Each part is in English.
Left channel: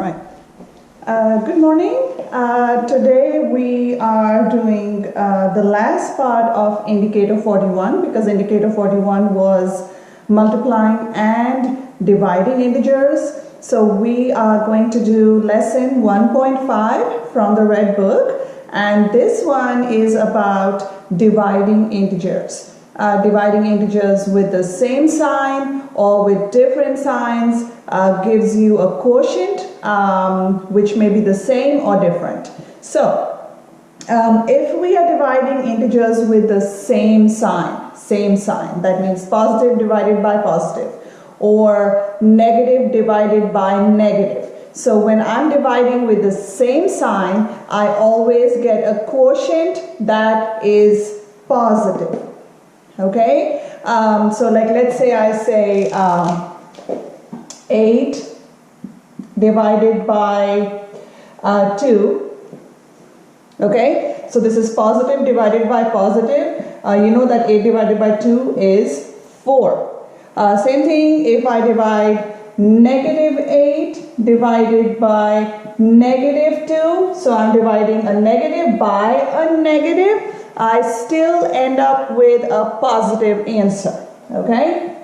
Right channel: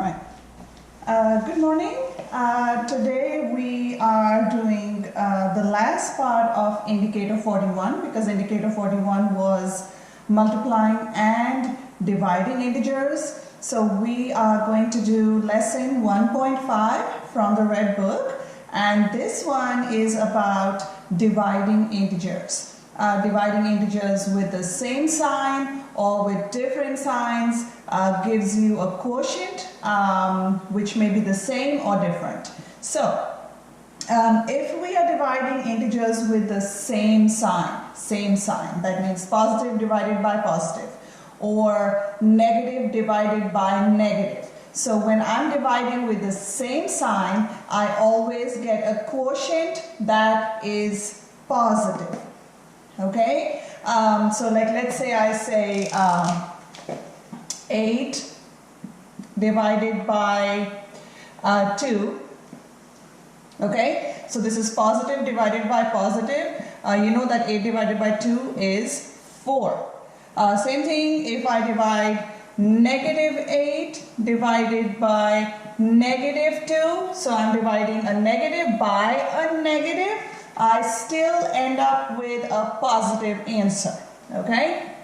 Right. Good morning. Today we are doing the last part of indicator 41 because indicator 41 was multiplying and dividing integers. So we are going to do lesson 1.5 from the red book, and this one is about dividing integers. Dividing integers with the same sign or with different signs gives you a quotient which may be the same or different. So if we are dividing integers with the same sign, that means positive divided by positive or negative divided by negative. So when I'm dividing with the same sign, I always get a quotient that is positive. Okay, so like let's say I say 8 divided by 2. Okay, so this is positive divided by positive. You know that 8 divided by 2 is 4. Same thing if I divide negative 8 divided by negative 2. So I'm dividing a negative by a negative. I still end up with a positive answer. Okay,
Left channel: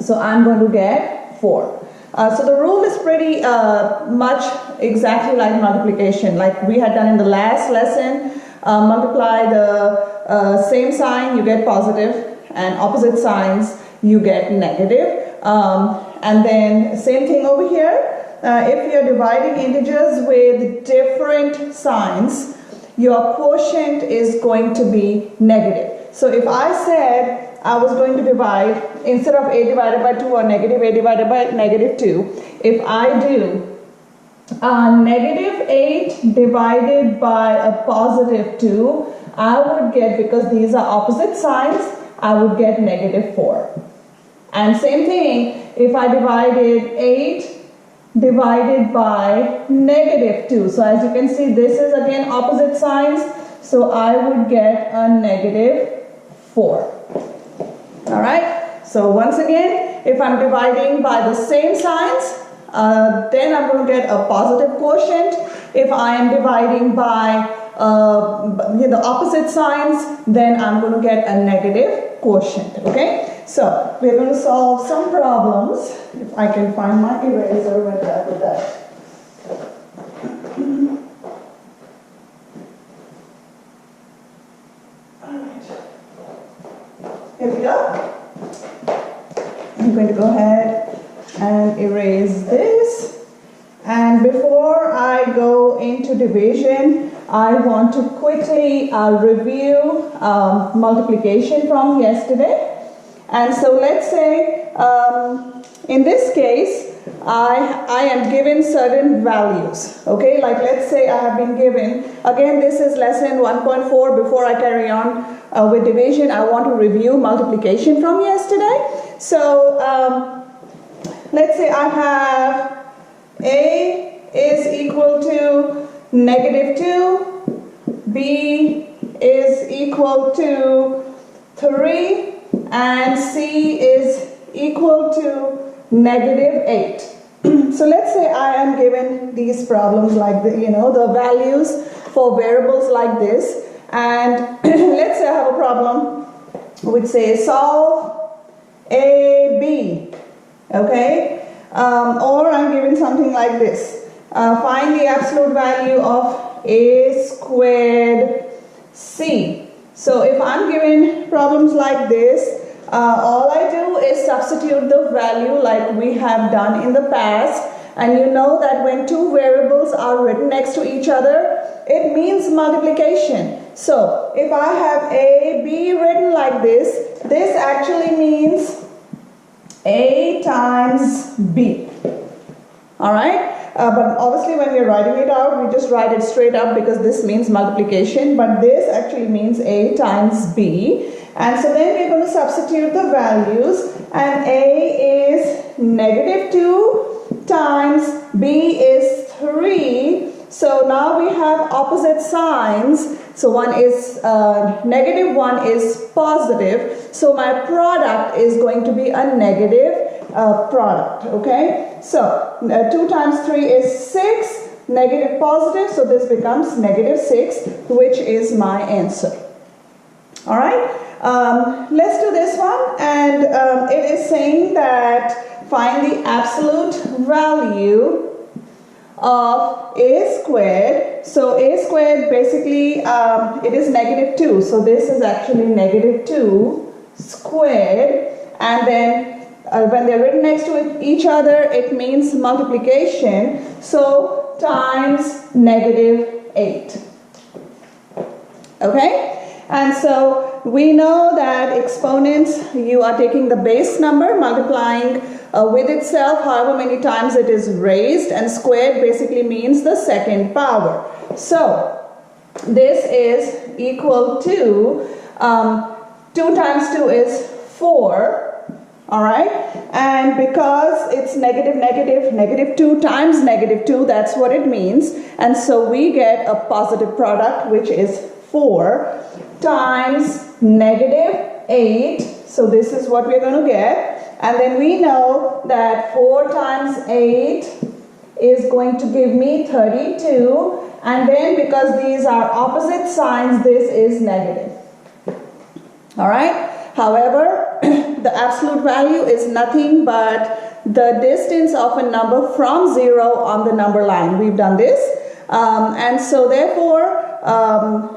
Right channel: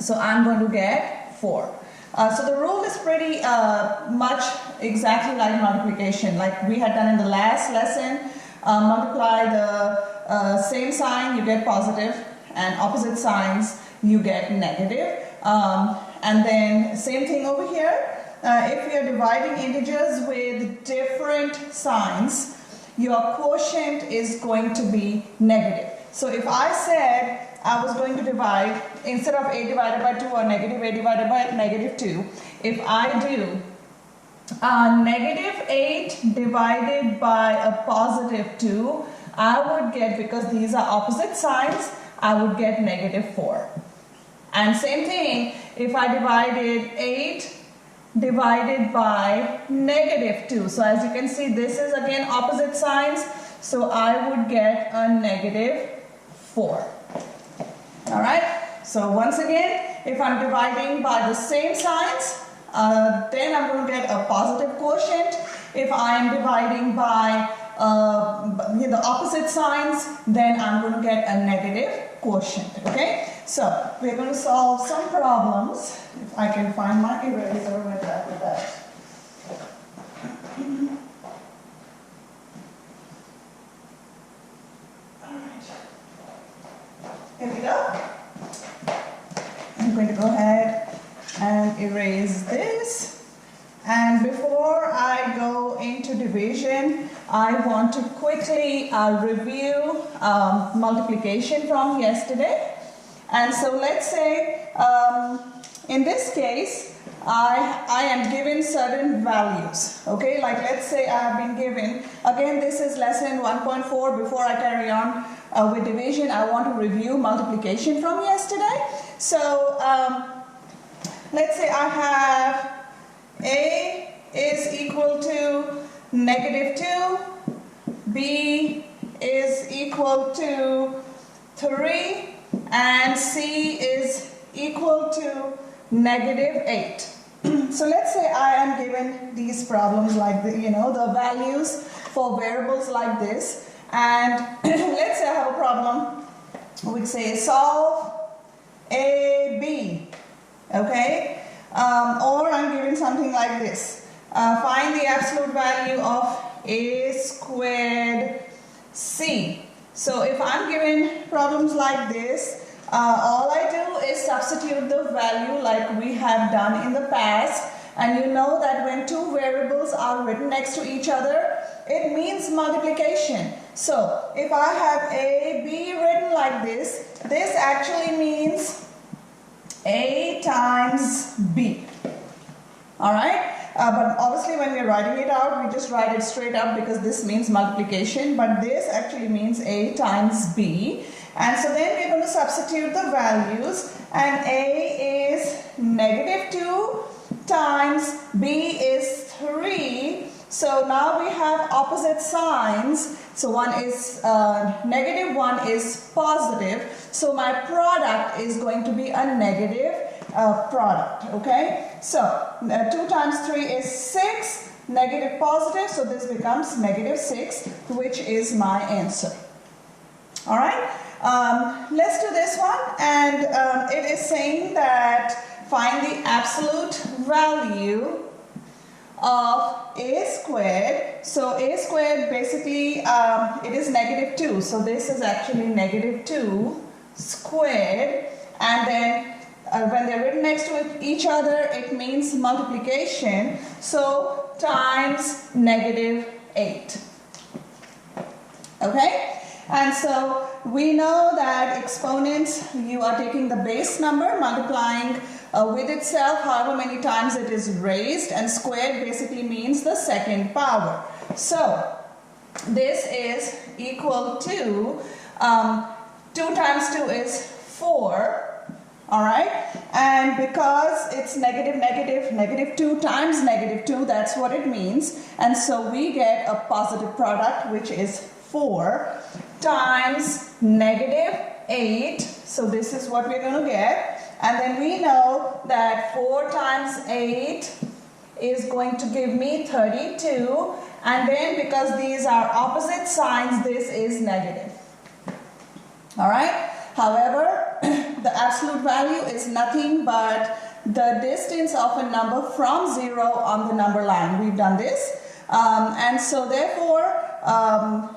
so I'm going to get 4. So the rule is pretty much exactly like multiplication, like we had done in the last lesson. Multiply the same sign, you get positive, and opposite signs, you get negative. And then same thing over here. If you're dividing integers with different signs, your quotient is going to be negative. So if I said I was going to divide, instead of 8 divided by 2 or negative 8 divided by negative 2, if I do negative 8 divided by a positive 2, I would get, because these are opposite signs, I would get negative 4. And same thing, if I divided 8 divided by negative 2. So as you can see, this is again opposite signs. So I would get a negative 4. Alright, so once again, if I'm dividing by the same signs, then I'm going to get a positive quotient. If I am dividing by the opposite signs, then I'm going to get a negative quotient. Okay, so we're going to solve some problems. If I can find my eraser, where did I put that? Alright, here we go. I'm going to go ahead and erase this. And before I go into division, I want to quickly review multiplication from yesterday. And so let's say in this case, I am given certain values. Okay, like let's say I have been given, again this is lesson 1.4. Before I carry on with division, I want to review multiplication from yesterday. So let's say I have A is equal to negative 2, B is equal to 3, and C is equal to negative 8. So let's say I am given these problems like the, the values for variables like this, and let's say I have a problem which says solve A, B, okay, or I'm given something like this, find the absolute value of A squared C. So if I'm given problems like this, all I do is substitute the value like we have done in the past. And you know that when two variables are written next to each other, it means multiplication. So if I have A, B written like this, this actually means A times B. Alright? But obviously when we're writing it out, we just write it straight up because this means multiplication. But this actually means A times B. And so then we're going to substitute the values. And A is negative 2 times B is 3. So now we have opposite signs. So one is negative, one is positive. So my product is going to be a negative. product, okay? So 2 times 3 is 6, negative positive, so this becomes negative 6, which is my answer. All right, let's do this one, and it is saying that find the absolute value of a squared. So a squared basically it is negative 2, so this is actually negative 2 squared, and then when they're written next to each other it means multiplication, so times negative 8. Okay, and so we know that exponents, you are taking the base number, multiplying with itself however many times it is raised, and squared basically means the second power. So this is equal to 2 times 2 is 4. All right, and because it's negative 2 times negative 2, that's what it means, and so we get a positive product, which is 4 times negative 8, so this is what we're going to get, and then we know that 4 times 8 is going to give me 32, and then because these are opposite signs, this is negative. All right. However, the absolute value is nothing but the distance of a number from 0 on the number line. We've done this. And so therefore,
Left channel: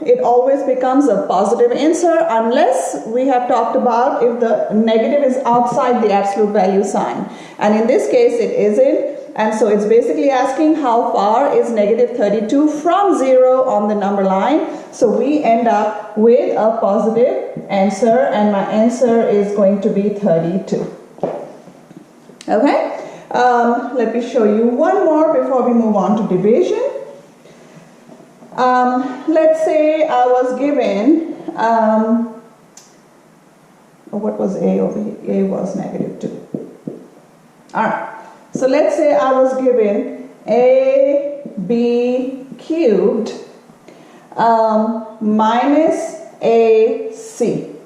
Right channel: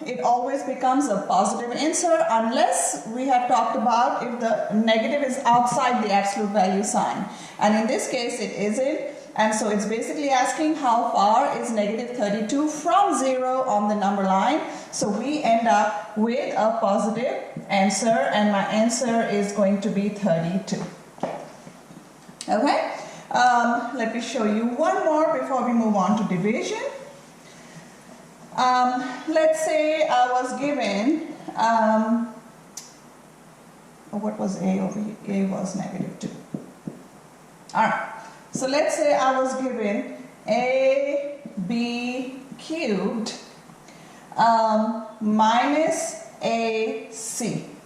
it always becomes a positive answer unless we have talked about if the negative is outside the absolute value sign. And in this case, it isn't. And so it's basically asking how far is negative 32 from 0 on the number line. So we end up with a positive answer, and my answer is going to be 32. Okay, let me show you one more before we move on to division. Let's say I was given, what was A over here? A was negative 2. All right. So let's say I was given AB cubed minus AC.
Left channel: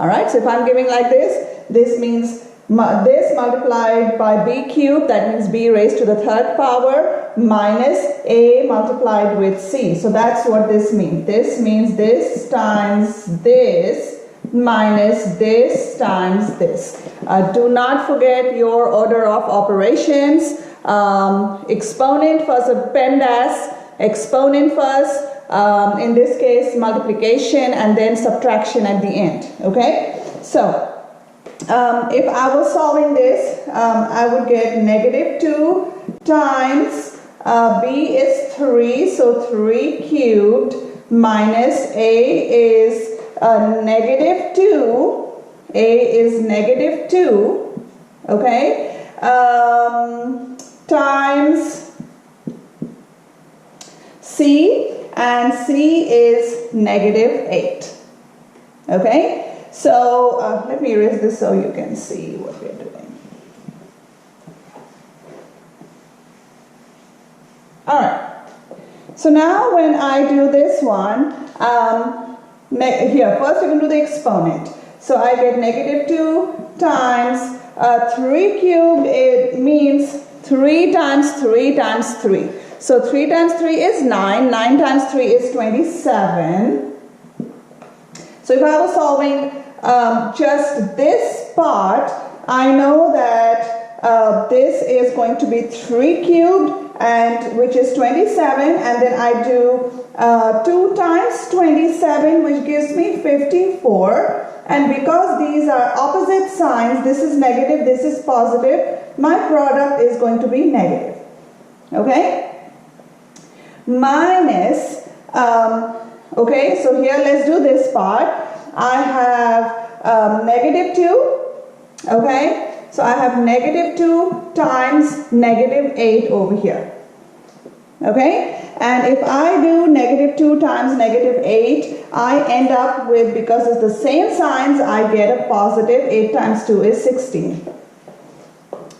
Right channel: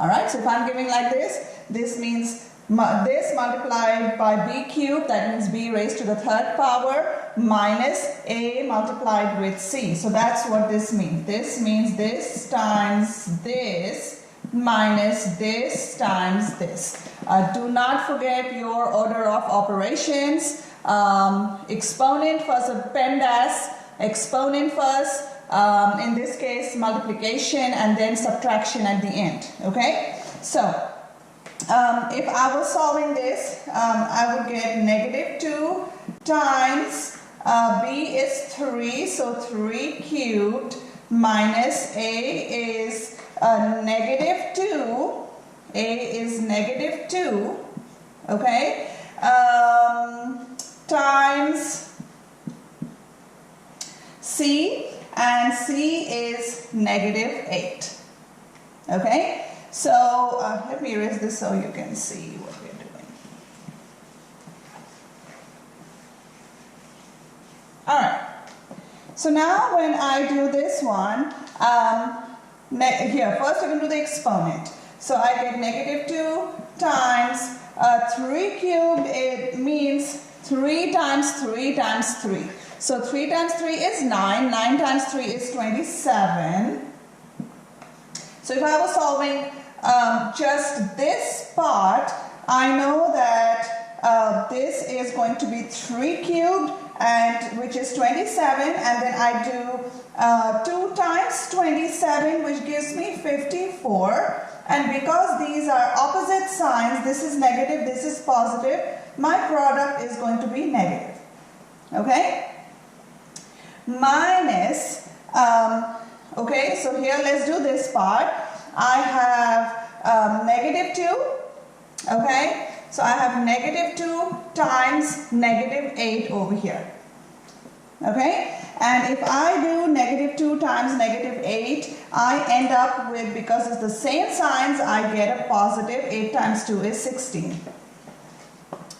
All right, so if I'm giving like this means this multiplied by B cubed, that means B raised to the 3rd power, minus A multiplied with C. So that's what this means. This means this times this minus this times this. Do not forget your order of operations. Exponent first, PEMDAS, exponent first, in this case multiplication, and then subtraction at the end. Okay, so if I was solving this, I would get negative 2 times B is 3, so 3 cubed minus A is negative 2. A is negative 2, okay, times C, and C is negative 8, okay. So let me erase this so you can see what we're doing. All right, so now when I do this one, here first you can do the exponent. So I get negative 2 times 3 cubed, it means 3 times 3 times 3. So 3 times 3 is 9, 9 times 3 is 27. So if I was solving just this part, I know that this is going to be 3 cubed, and which is 27, and then I do 2 times 27, which gives me 54. And because these are opposite signs, this is negative, this is positive, my product is going to be negative. Okay? Minus, okay, so here let's do this part. I have negative 2, okay? So I have negative 2 times negative 8 over here. Okay? And if I do negative 2 times negative 8, I end up with, because it's the same signs, I get a positive. 8 times 2 is 16.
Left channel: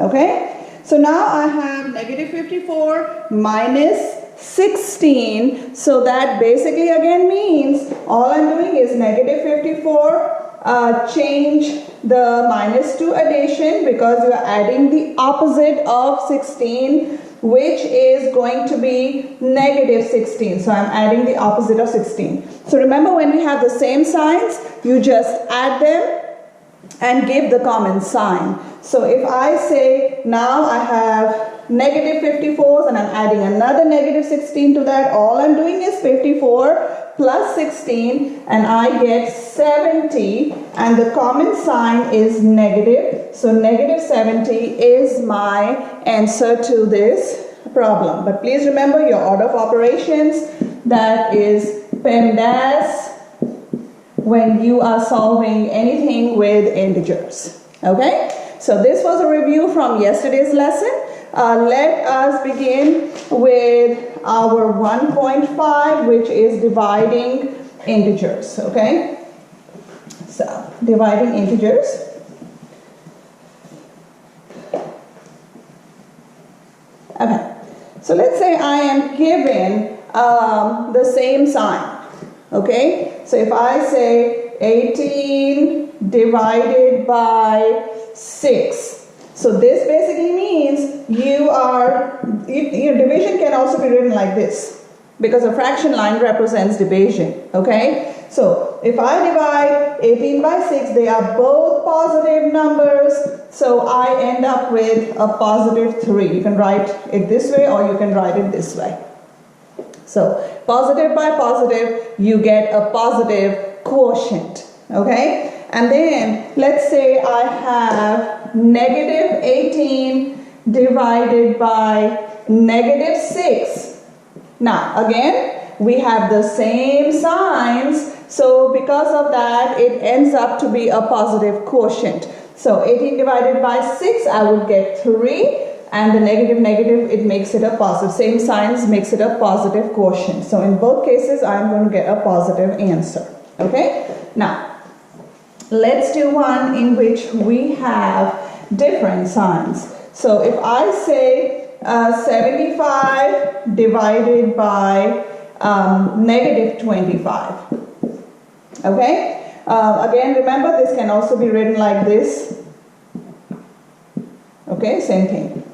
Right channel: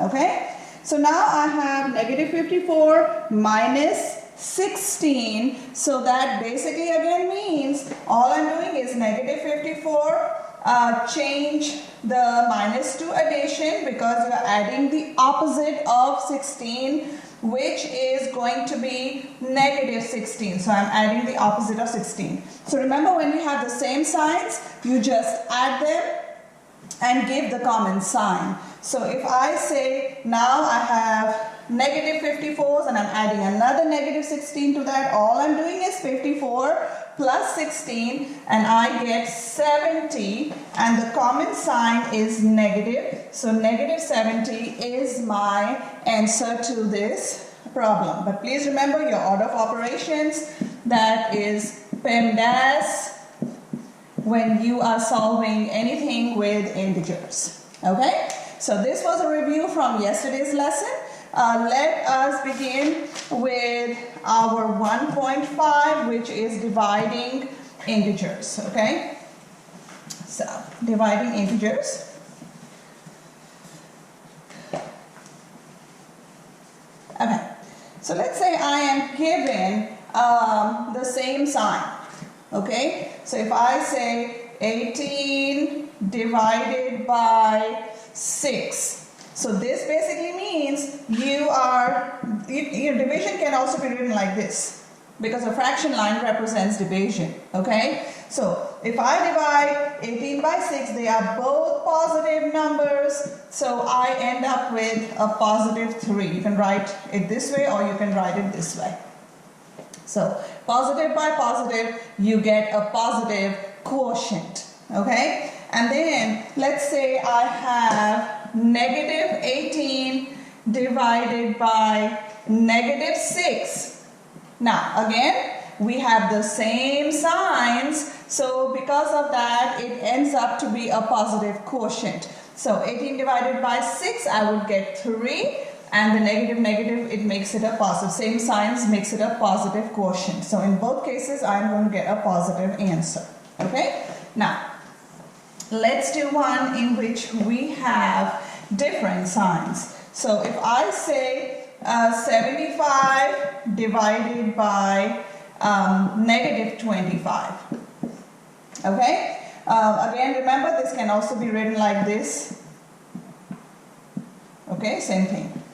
Okay? So now I have negative 54 minus 16. So that basically again means all I'm doing is negative 54 change the minus to addition because you are adding the opposite of 16, which is going to be negative 16. So I'm adding the opposite of 16. So remember, when we have the same signs, you just add them and give the common sign. So if I say now I have negative 54s and I'm adding another negative 16 to that, all I'm doing is 54 plus 16 and I get 70, and the common sign is negative. So negative 70 is my answer to this problem. But please remember your order of operations, that is PEMDAS when you are solving anything with integers. Okay? So this was a review from yesterday's lesson. Let us begin with our 1.5, which is dividing integers. Okay? So, dividing integers. Okay. So let's say I am given the same sign. Okay? So if I say 18 divided by 6. So this basically means your division can also be written like this because a fraction line represents division. Okay? So if I divide 18 by 6, they are both positive numbers. So I end up with a positive 3. You can write it this way or you can write it this way. So positive by positive, you get a positive quotient. Okay? And then let's say I have negative 18 divided by negative 6. Now again, we have the same signs, so because of that it ends up to be a positive quotient. So 18 divided by 6, I would get 3, and the negative, it makes it a positive. Same signs makes it a positive quotient. So in both cases, I'm going to get a positive answer. Okay? Now, let's do one in which we have different signs. So if I say 75 divided by negative 25. Okay? Again, remember, this can also be written like this. Okay, same thing.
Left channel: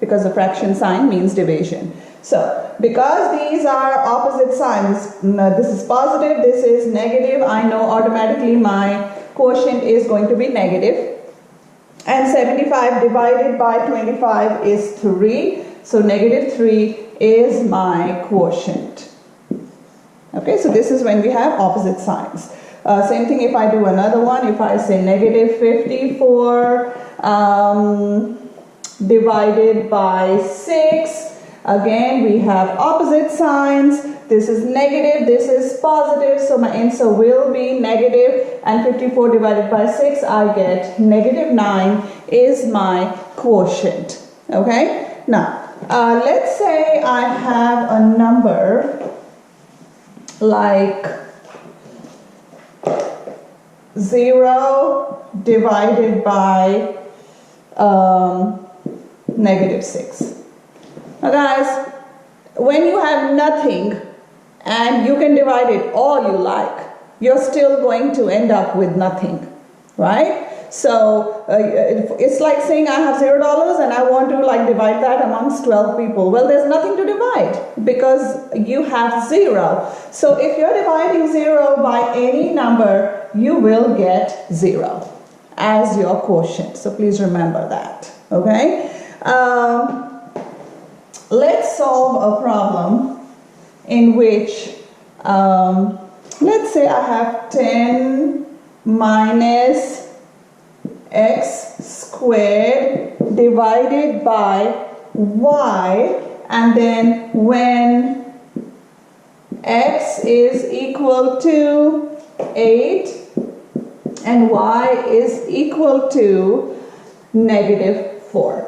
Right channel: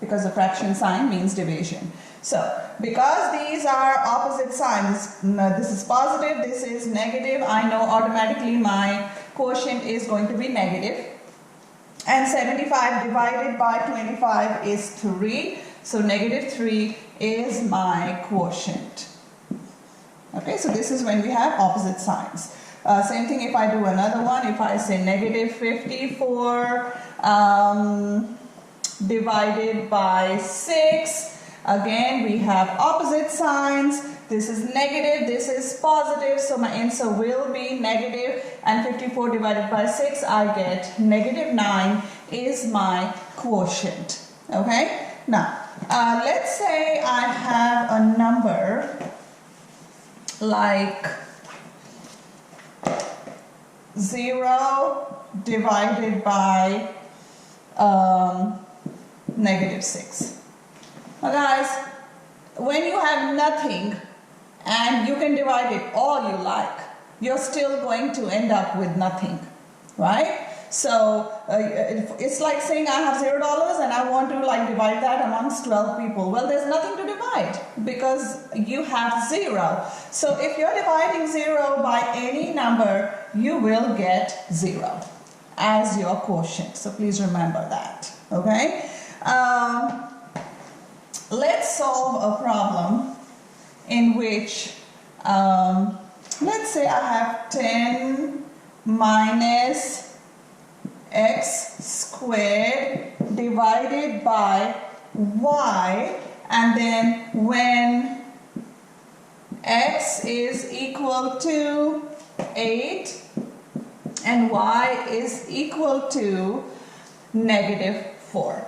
Because the fraction sign means division. So, because these are opposite signs, this is positive, this is negative, I know automatically my quotient is going to be negative. And 75 divided by 25 is 3. So, negative 3 is my quotient. Okay, so this is when we have opposite signs. Same thing if I do another one. If I say negative 54 divided by 6, again we have opposite signs. This is negative, this is positive, so my answer will be negative, and 54 divided by 6, I get negative 9 is my quotient. Okay, now let's say I have a number like 0 divided by negative 6. Now guys, when you have nothing and you can divide it all you like, you're still going to end up with nothing, right? So it's like saying I have $0 and I want to divide that amongst 12 people. Well, there's nothing to divide because you have 0. So if you're dividing 0 by any number, you will get 0 as your quotient. So please remember that. Okay? Let's solve a problem in which, let's say I have 10 minus x squared divided by y, and then when x is equal to 8 and y is equal to negative 4.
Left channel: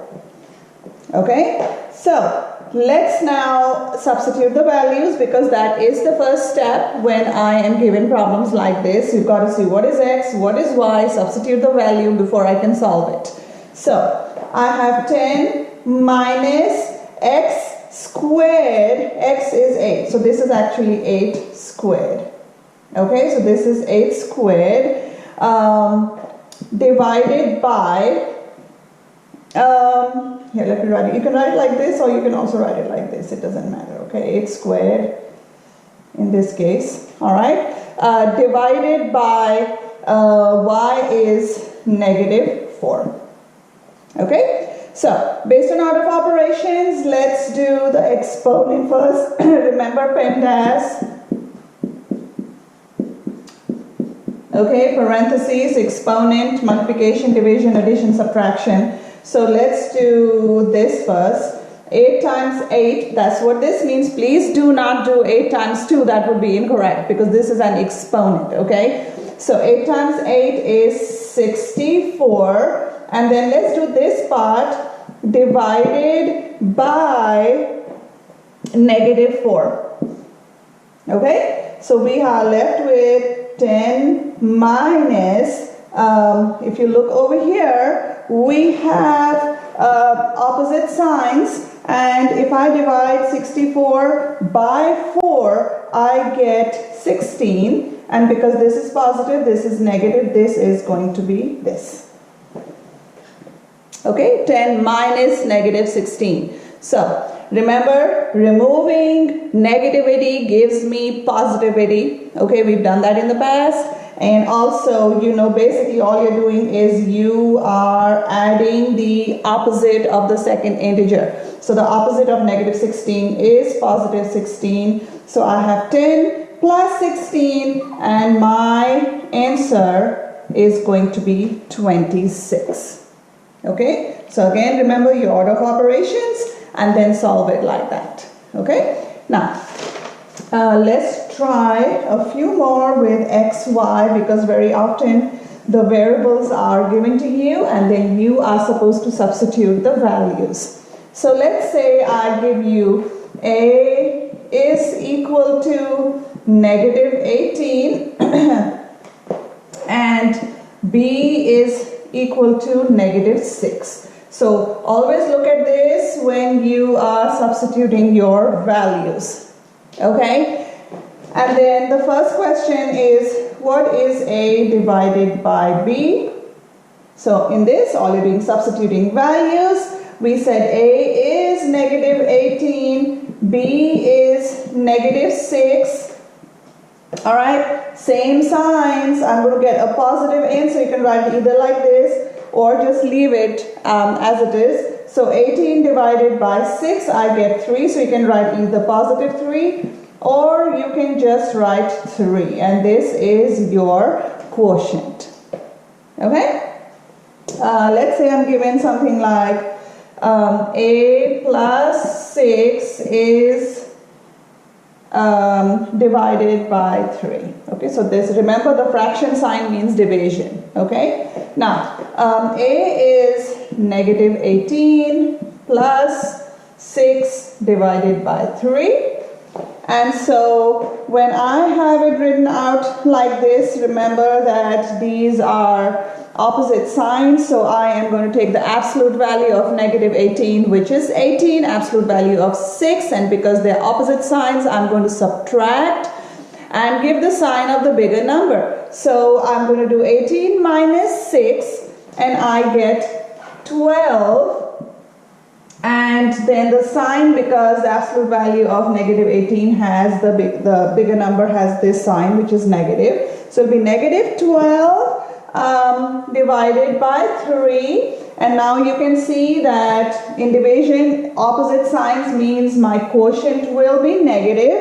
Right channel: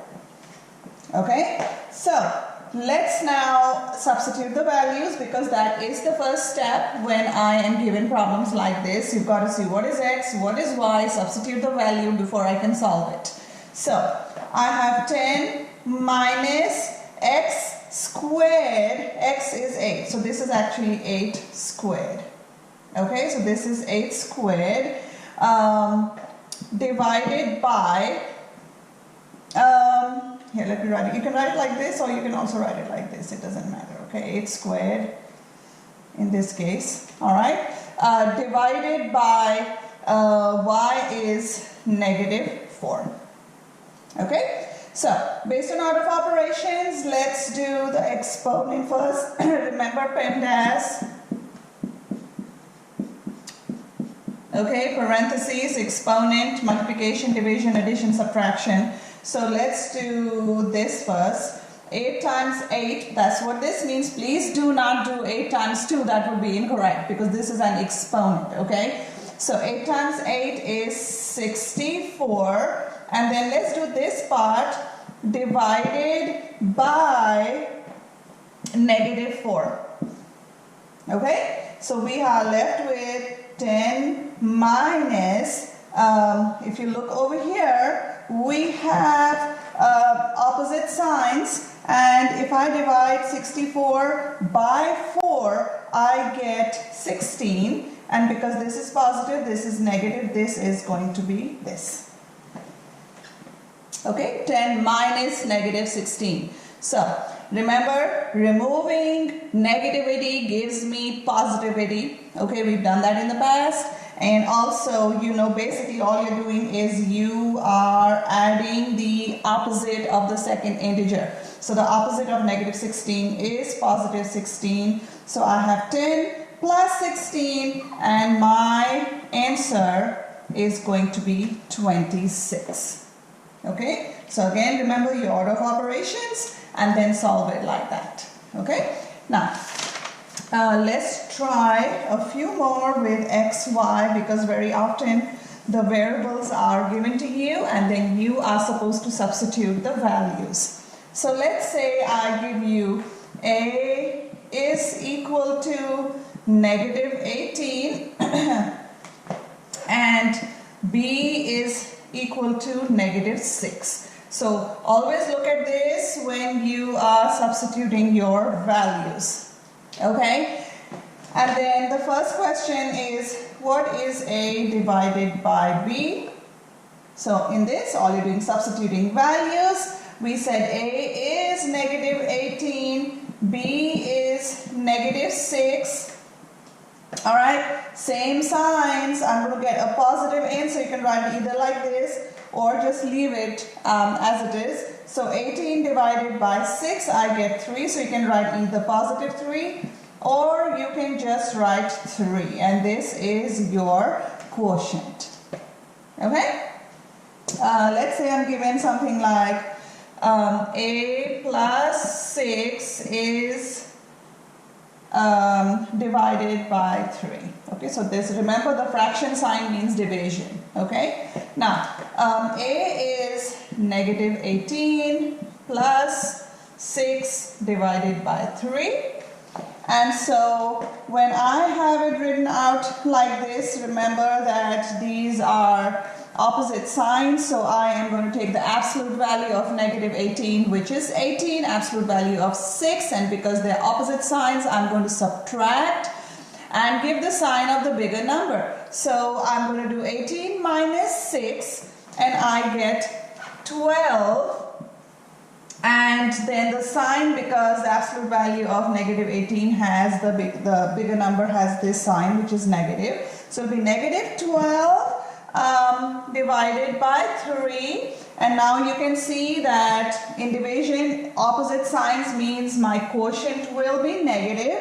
Okay, so let's now substitute the values, because that is the first step when I am given problems like this. You've got to see what is x, what is y, substitute the value before I can solve it. So I have 10 minus x squared, x is 8, so this is actually 8 squared. Okay, so this is 8 squared. divided by, here, let me write it. You can write it like this, or you can also write it like this. It doesn't matter, okay? 8 squared in this case, all right? Divided by y is -4, okay? So, based on order of operations, let's do the exponent first. Remember PEMDAS. Okay, parentheses, exponent, multiplication, division, addition, subtraction. So let's do this first. 8 times 8, that's what this means. Please do not do 8 times 2, that would be incorrect because this is an exponent, okay? So 8 times 8 is 64. And then let's do this part divided by -4. Okay? So we are left with 10 minus, if you look over here, we have opposite signs. And if I divide 64 by 4, I get 16. And because this is positive, this is negative, this is going to be this. Okay, 10 minus -16. So, remember, removing negativity gives me positivity. Okay, we've done that in the past. And also, you know, basically all you're doing is you are adding the opposite of the second integer. So the opposite of -16 is positive 16. So I have 10 plus 16, and my answer is going to be 26. Okay, so again, remember your order of operations and then solve it like that. Okay, now let's try a few more with x, y, because very often the variables are given to you and then you are supposed to substitute the values. So let's say I give you a is equal to -18 and b is equal to -6. So always look at this when you are substituting your values. Okay? And then the first question is, what is a divided by b? So in this, all you're doing is substituting values. We said a is -18, b is -6. All right, same signs. I'm going to get a positive answer. You can write it either like this or just leave it as it is. So 18 divided by 6, I get 3. So you can write either positive 3 or you can just write 3. And this is your quotient. Okay? Let's say I'm given something like a plus 6 is divided by 3. Okay, so this, remember the fraction sign means division. Okay, now a is -18 plus 6 divided by 3. And so when I have it written out like this, remember that these are opposite signs, so I am going to take the absolute value of -18, which is 18, absolute value of 6, and because they're opposite signs, I'm going to subtract and give the sign of the bigger number. So I'm going to do 18 minus 6, and I get 12, and then the sign, because the absolute value of -18 has the bigger number has this sign, which is negative, so it'll be -12 divided by 3, and now you can see that in division opposite signs means my quotient will be negative,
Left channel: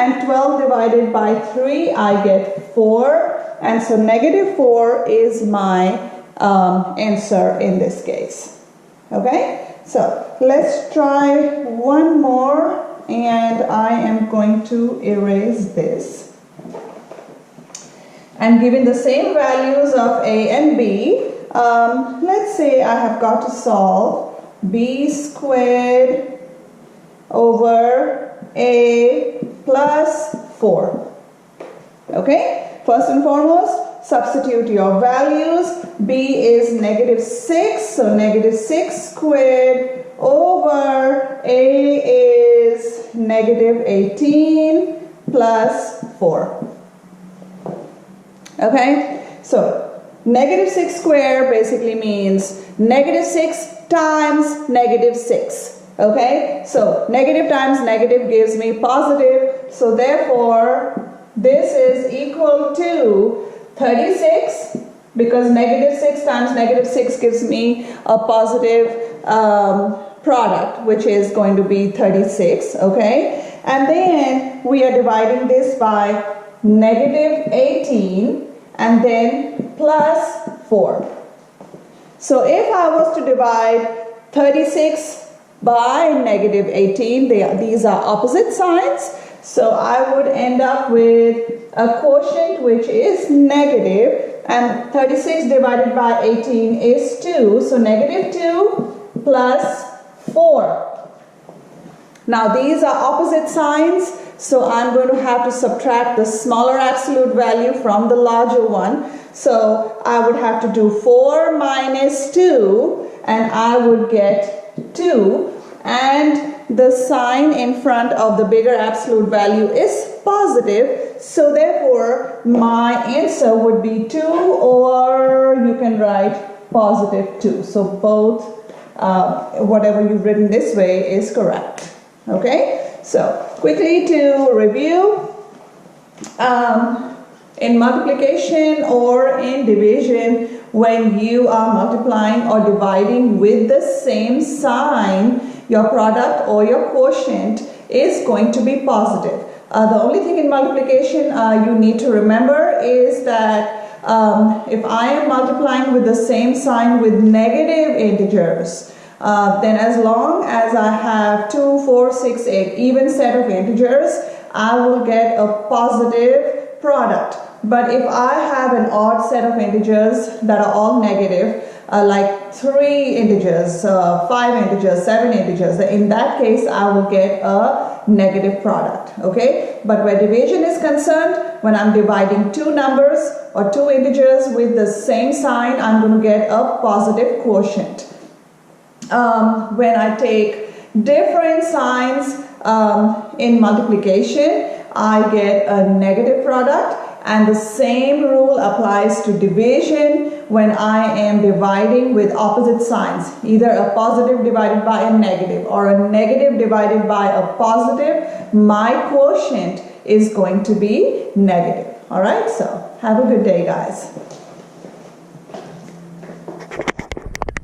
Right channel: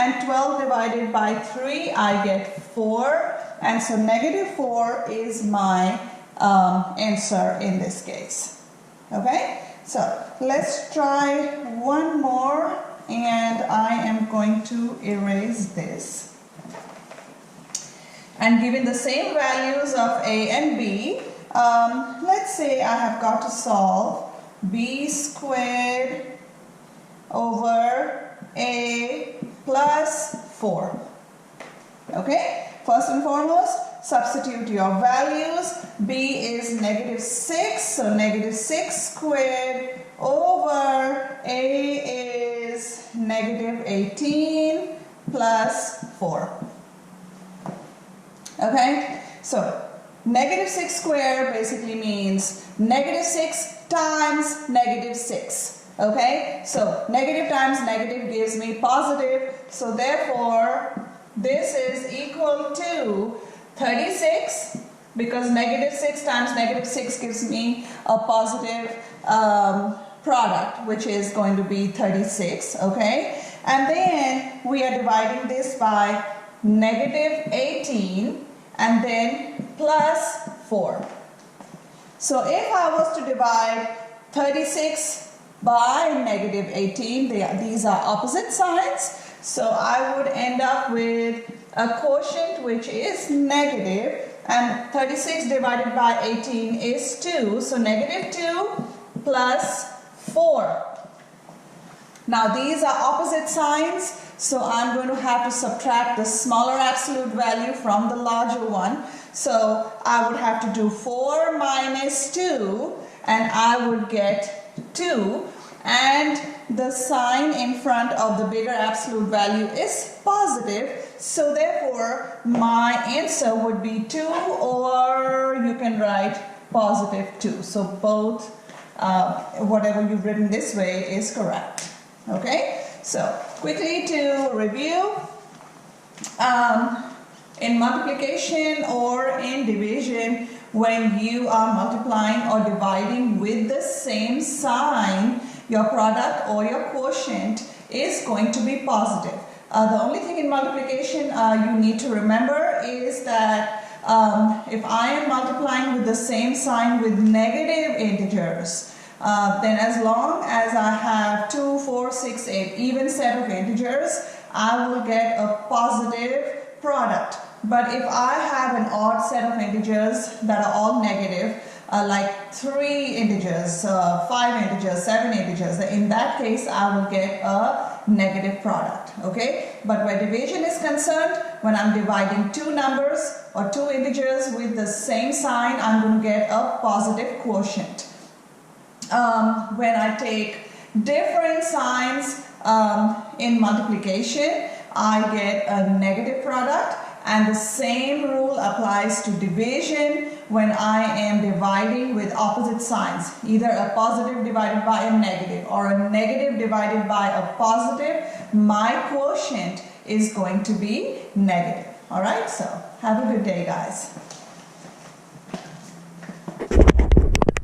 and 12 divided by 3 I get 4, and so -4 is my answer in this case. Okay, so let's try one more, and I am going to erase this. And given the same values of a and b, let's say I have got to solve b squared over a plus 4. Okay, first and foremost, substitute your values. B is -6, so -6 squared over a is -18 plus 4. Okay, so negative 6 squared basically means negative 6 times negative 6. Okay, so negative times negative gives me positive. So therefore, this is equal to 36, because negative 6 times negative 6 gives me a positive product, which is going to be 36. Okay, and then we are dividing this by negative 18 and then plus 4. So if I was to divide 36 by negative 18, these are opposite signs. So I would end up with a quotient which is negative, and 36 divided by 18 is 2. So negative 2 plus 4. Now these are opposite signs, so I'm going to have to subtract the smaller absolute value from the larger one. So I would have to do 4 minus 2, and I would get 2, and the sign in front of the bigger absolute value is positive, so therefore my answer would be 2, or you can write positive 2. So both, whatever you've written this way is correct. Okay, so quickly to review, in multiplication or in division, when you are multiplying or dividing with the same sign, your product or your quotient is going to be positive. The only thing in multiplication you need to remember is that if I am multiplying with the same sign with negative integers, then as long as I have 2, 4, 6, 8 even set of integers, I will get a positive product. But if I have an odd set of integers that are all negative, like 3 integers, 5 integers, 7 integers, in that case I will get a negative product. Okay, but where division is concerned, when I'm dividing 2 numbers or 2 integers with the same sign, I'm going to get a positive quotient. When I take different signs in multiplication, I get a negative product, and the same rule applies to division when I am dividing with opposite signs, either a positive divided by a negative or a negative divided by a positive. My quotient is going to be negative. All right, so have a good day, guys.